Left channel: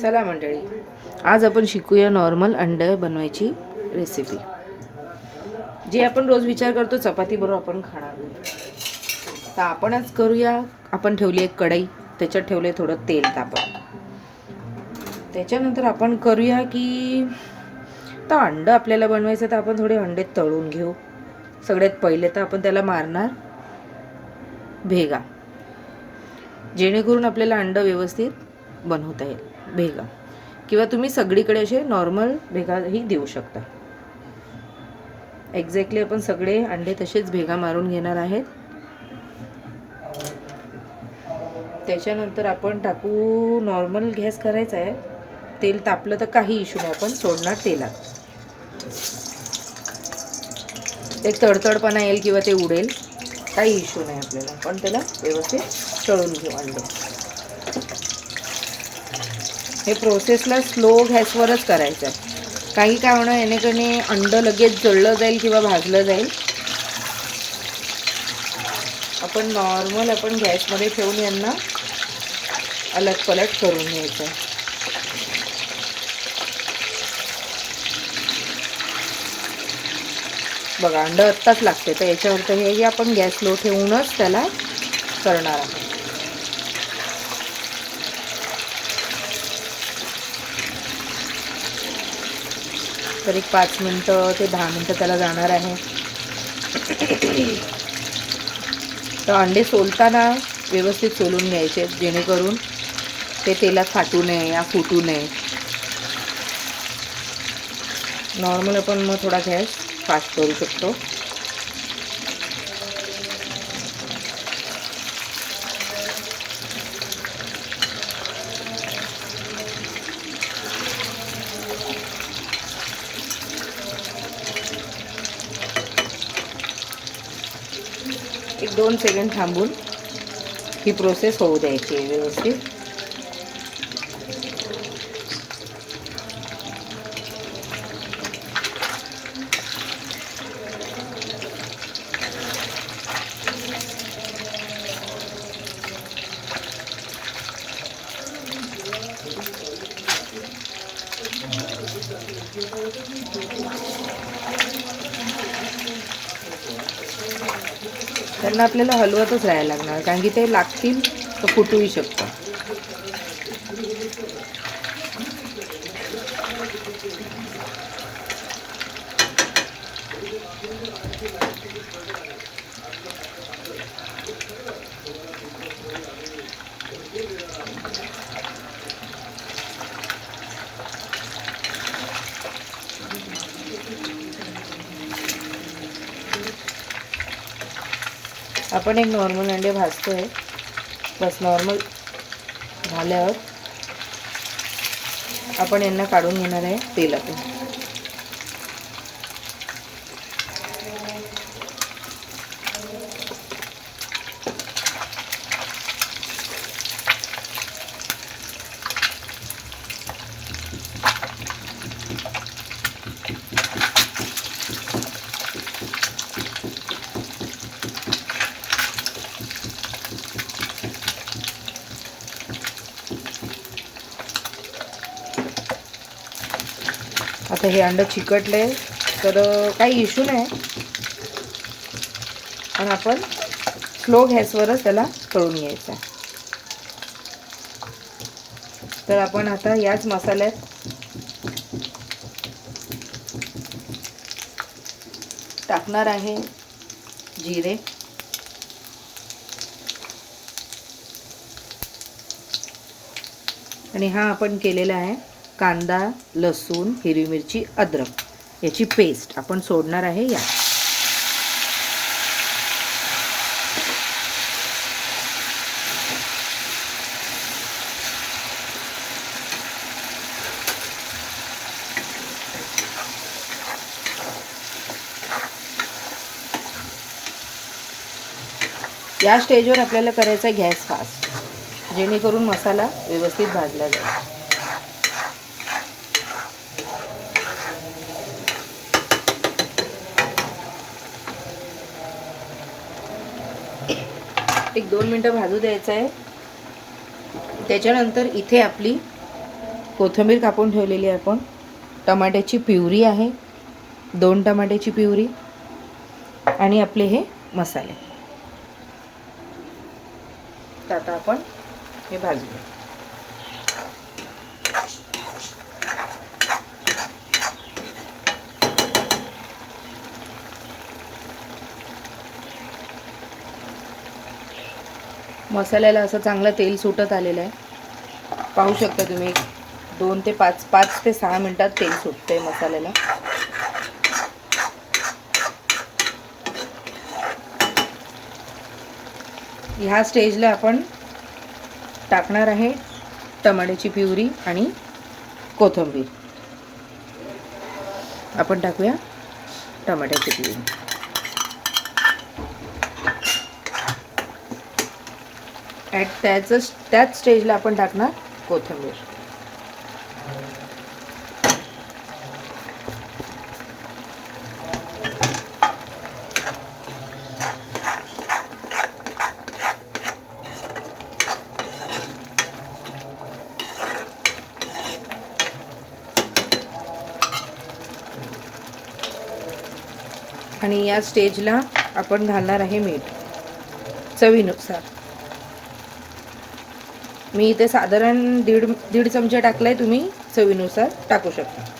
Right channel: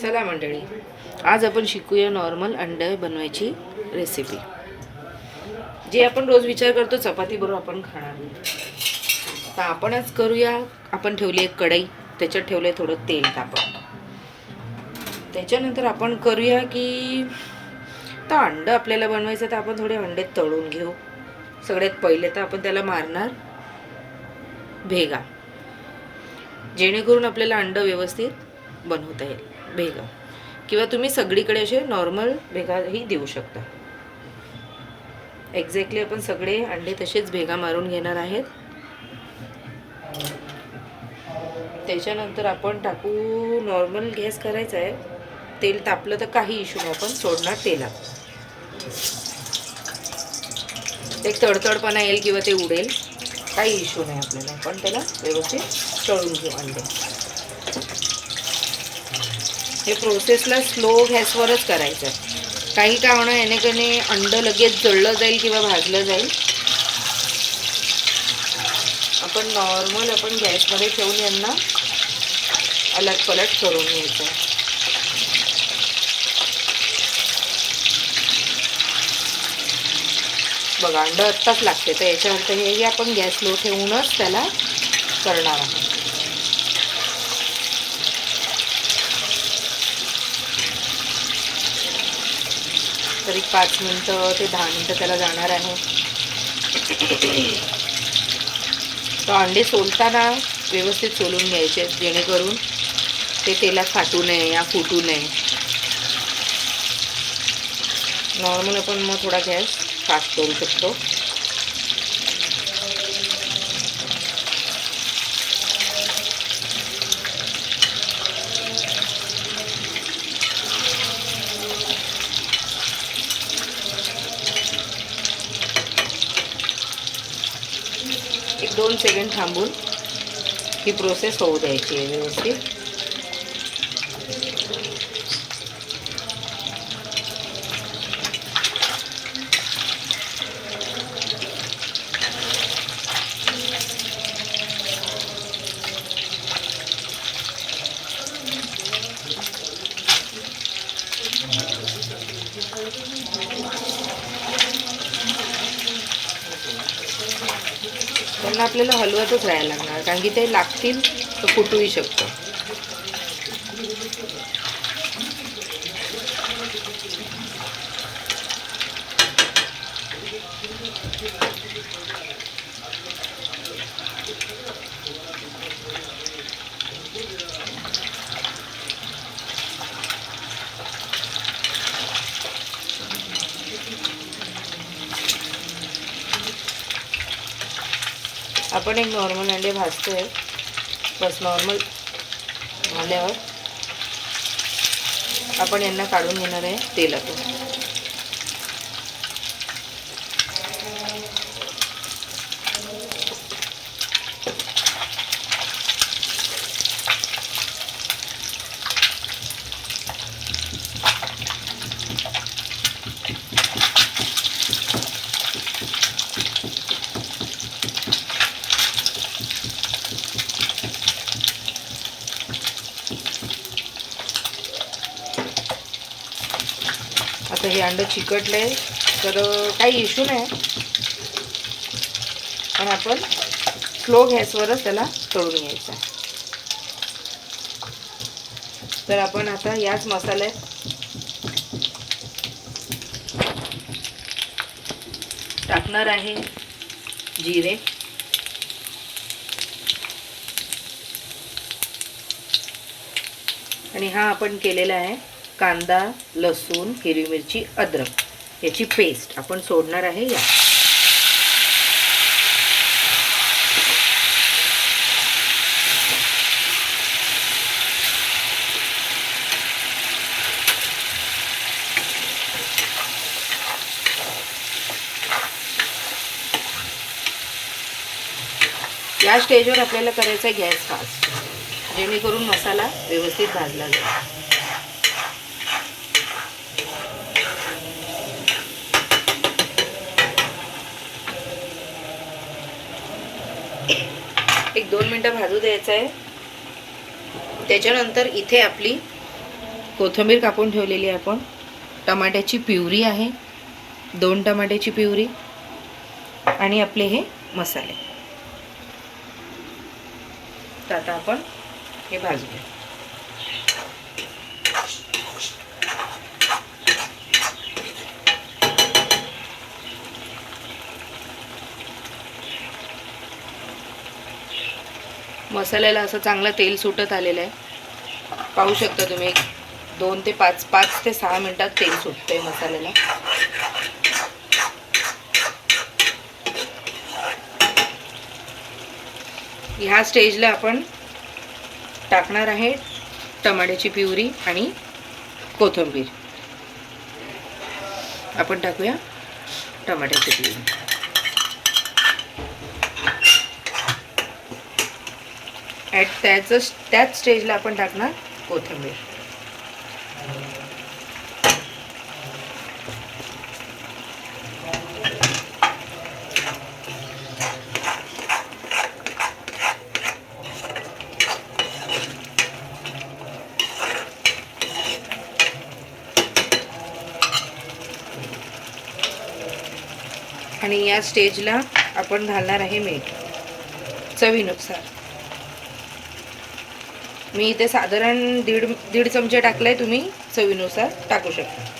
चला मंडळी, आज आपण शिकूया नॉर्मल अंडे बनवायची रेसिपी, जी आपण रोज विचार करतो चपाती बरोबर आपण खाणार आहोत. तर आपण आज करूया. आपण ठेवली एक कढई, त्याच्यात ठेवले थोडं तेल तापत. त्याच्यानंतर आपण करूया की तर अंडं आपल्याला बनवायचं, तर आपण थोडे अंडे तळून घेऊ. सगळ्यात पहिले तर आपण त्याला मारणार भेगा, जेणेकरून आपल्याला अंडं व्यवस्थित बनवता येईल. भेगा किंवा तुम्ही सगळीकडे असे नॉर्मल भेगाही देऊ शकता. एक्झॅक्टली आपण सगळे अंडे तसेच भेगा मारून घेणार आहेत. त्याच्यानंतर आपण टाकू, नॉर्मल गॅस करायचा आहे. तेल तापलं तर काही इश्यू नाही, आपण सोडणार तेलात. एक तडतडपणा येईल किंवा ते उडेल, काही इश्यू नाही आपल्याला. पण त्याला व्यवस्थित तळून घेऊ अंडे. हे प्रोसेसला स्लो गॅसवरच करायचं आहे. काही काय होणं याने अंडं लगेच जळलं जाईल किंवा भाजलं जाईल. आपण नॉर्मल आपण गॅसमध्ये ठेवून यांना अलटपलट करून घ्यायचं. बघा, अंडं आत्ताच लागते, तर याच्यावर हे आपण गॅस लो ठेवूनच त्याला करणार आहोत. तरी 5 मिनटं ते 10 मिनटं त्याला जाणार आहे. तर अंडे सोलताना व्यवस्थित सोलून घ्यायचे, जेणेकरून ते तेलात फाटू नये या फुटू नये. नॉर्मल आपण मग थोडा गॅस फास्ट करू शकतो. एक 2 सेकंड थांबून ही प्रोसेस होऊ द्यायची आहे व्यवस्थित. त्यांना आपल्याला हलवतच राहायला लागणार, कारण की ते लागतील तर फुटूही शकतं. आपण एक नॉर्मल अंडे भाजतोय. बस नॉर्मल झाल्यावर आपण यांना काढून घेणार आहे तेलातून. आता हे अंडं चिकटले तर काही इश्यू नाही, पण आपण स्लो गॅसवरच त्याला तळून घ्यायचं आहे. तर आपण आता याच मसाल्यात टाकणार आहे जिरे, आणि हा आपण केलेला आहे कांदा, लसूण, हिरवी मिरची, अद्रक याची पेस्ट आपण सोडणार आहे या. या स्टेजवर आपल्याला करायचा गॅस फास्ट, जेणेकरून मसाला व्यवस्थित भाजला जाईल. एक 2 मिनटं भाजू द्यायचं आहे. त्याच्यानंतर इथे आपली कोथिंबीर कापून ठेवलेली आहे आपण, टमाट्याची प्युरी आहे, 2 टमाट्याची प्युरी आणि आपले हे मसाले. तर आता आपण हे भाजूया. मसाल्याला असं चांगलं तेल सुटत आलेलं आहे. पाहू शकता तुम्ही, 2 ते 5 ते 6 मिनिटात तेल सुटतंय मसाल्याला. ह्या स्टेजला आपण टाकणार आहे टमाट्याची प्युरी आणि कोथिंबीर. आपण टाकूया टमाट्याची प्युरी. त्याच स्टेजला आपण टाकणार कोथिंबीर. आणि या स्टेजला आपण घालणार आहे मीठ चवीनुसार. मी इथे साधारण दीड चमचे टाकलाय, तुम्ही चवीनुसार टाकू शकता.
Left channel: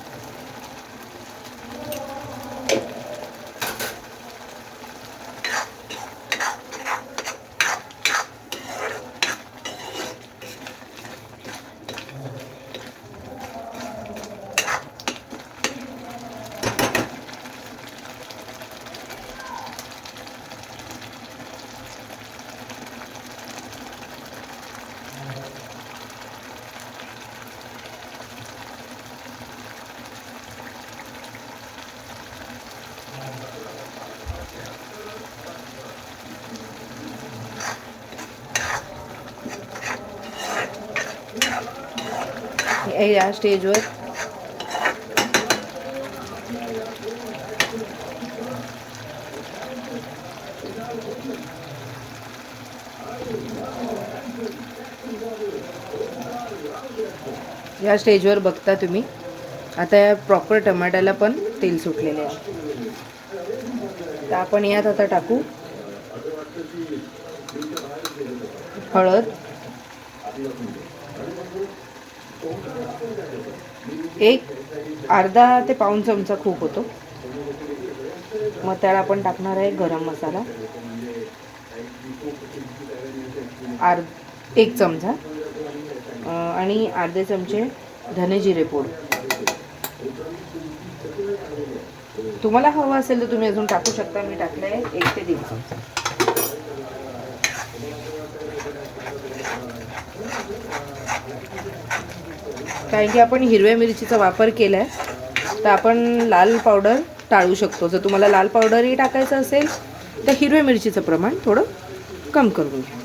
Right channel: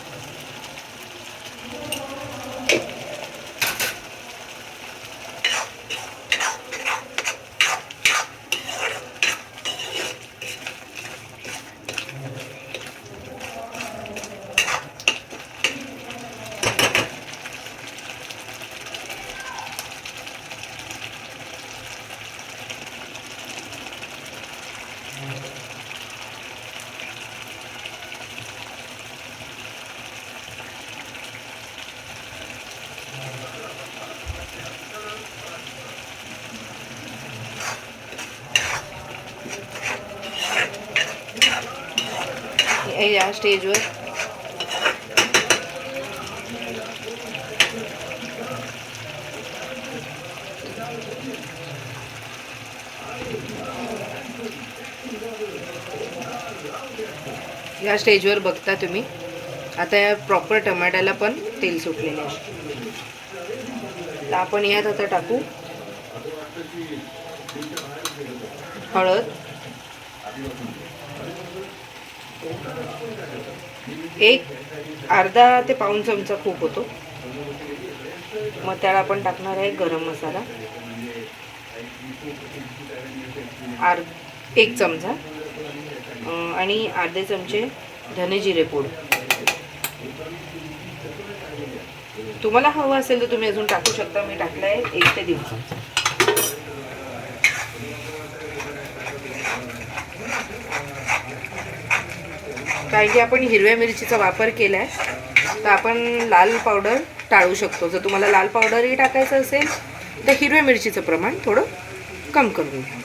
या स्टेजवर बघता तुम्ही, आता या प्रॉपर टमाट्याला पण तेल सुटलेलं आहे. तर आपण यात आता टाकू हळद, 1/2 ते पाऊण चमचा खूप होतो. मग त्याला आपण टाकणार आहे गरम मसाला 1 चमचा आणि अर्धे चमचे धने जिरे पूड. तुम्हाला हवं असेल तर तुम्ही अजून टाकू शकता. मी टाकलं आहे 1 ते 1.5 चमचा. कारण की आपण हिरव्या मिरचीचा वापर केला आहे, तर आपण लाल पावडर टाळू शकतो. जर तुम्हाला लाल पावडरही टाकायचं असेल तर हिरव्या मिरचीचं प्रमाण थोडं कम करून घ्या.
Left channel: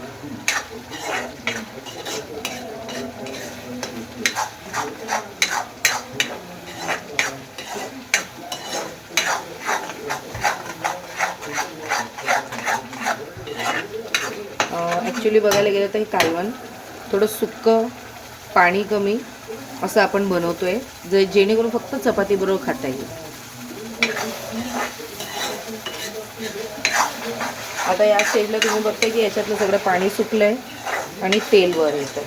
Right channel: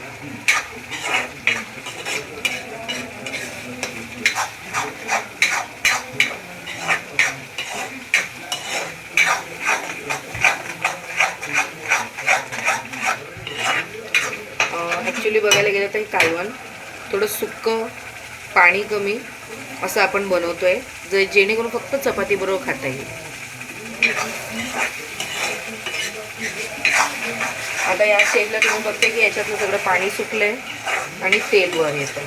ॲक्च्युली बघायला गेलं तर हे कालवण थोडं सुक्कं, पाणी कमी असं आपण बनवतोय, जेणेकरून फक्त चपाती बरोबर खाता येईल. आता या स्टेजला तुम्ही बघते की याच्यातलं सगळं पाणी सुकलंय आणि तेल वर येतं.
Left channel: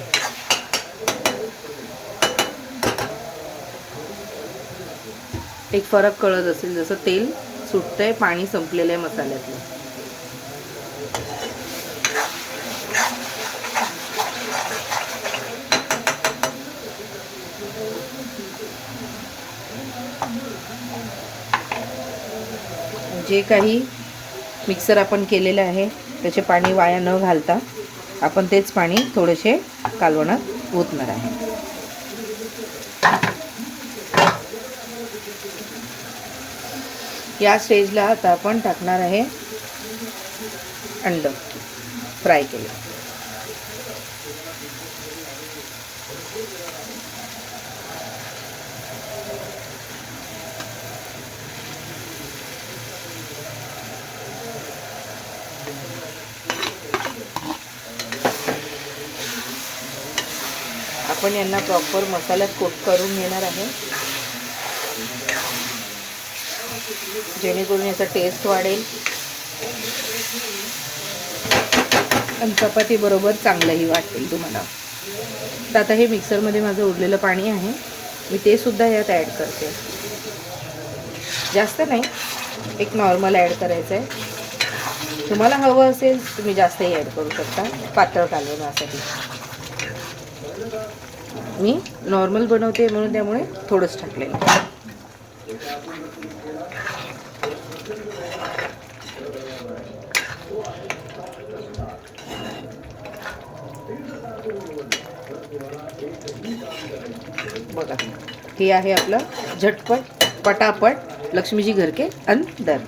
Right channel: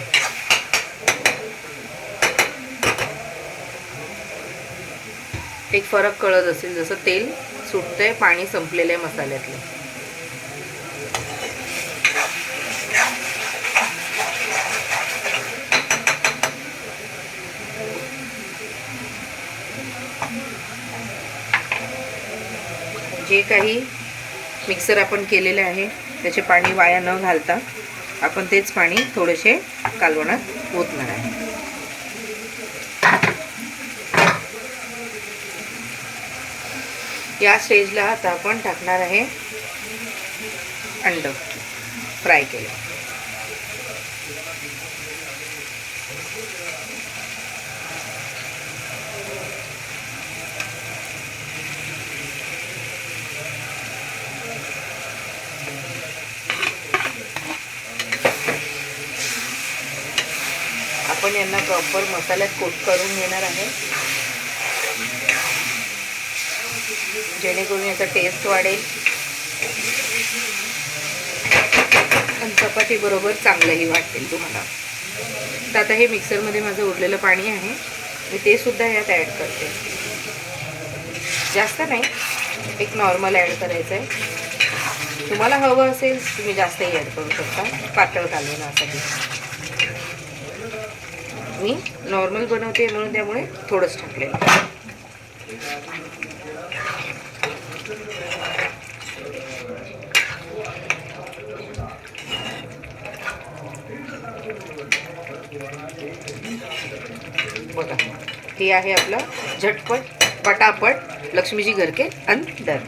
एक फरक कळत असेल, जसं तेल सुटतंय, पाणी संपलेलं आहे मसाल्यातलं. जे काही मिक्सर आपण केलेलं आहे त्याचे पाणी वाया न घालता आपण तेच पाणी थोडेसे कालवणात ओतणार आहे. या स्टेजला आता आपण टाकणार आहे अंड फ्राय केलं. आपण यांना प्रॉपर मसाल्यात कोट करून घेणार आहे, जेणेकरून याचा टेस्ट वाढेल आणि चपाती बरोबर चांगलंही वाटेल तुम्हाला. तर आता हे मिक्सरमध्ये माझं उरलेलं पाणी आहे, मी ते सुद्धा यात ॲड करते. जास्त नाही, एक नॉर्मल ॲड करायचं आहे. तुम्हाला हवं असेल तुम्ही जास्तही ॲड करू शकता पातळ कालवण्यासाठी. मी नॉर्मल बनवते म्हणून त्यामुळे थोडंच टाकलेलं. बघा, हे आहे आपलं झटपट पटापट लक्ष्मीजी घर के अंदर.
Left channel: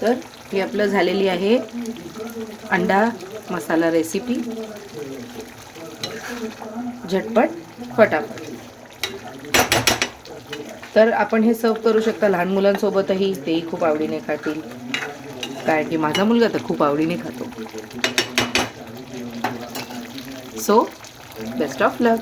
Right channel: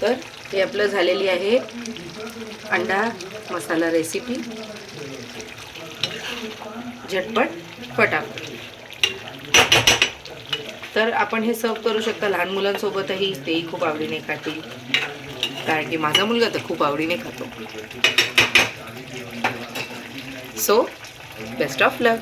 तर हे आपलं झालेली आहे अंडा मसाला रेसिपी, झटपट फटाफट. तर आपण हे सर्व करू शकता लहान मुलांसोबतही, तेही खूप आवडीने खातील, कारण की माझा मुलगा तर खूप आवडीने खातो. So best of luck.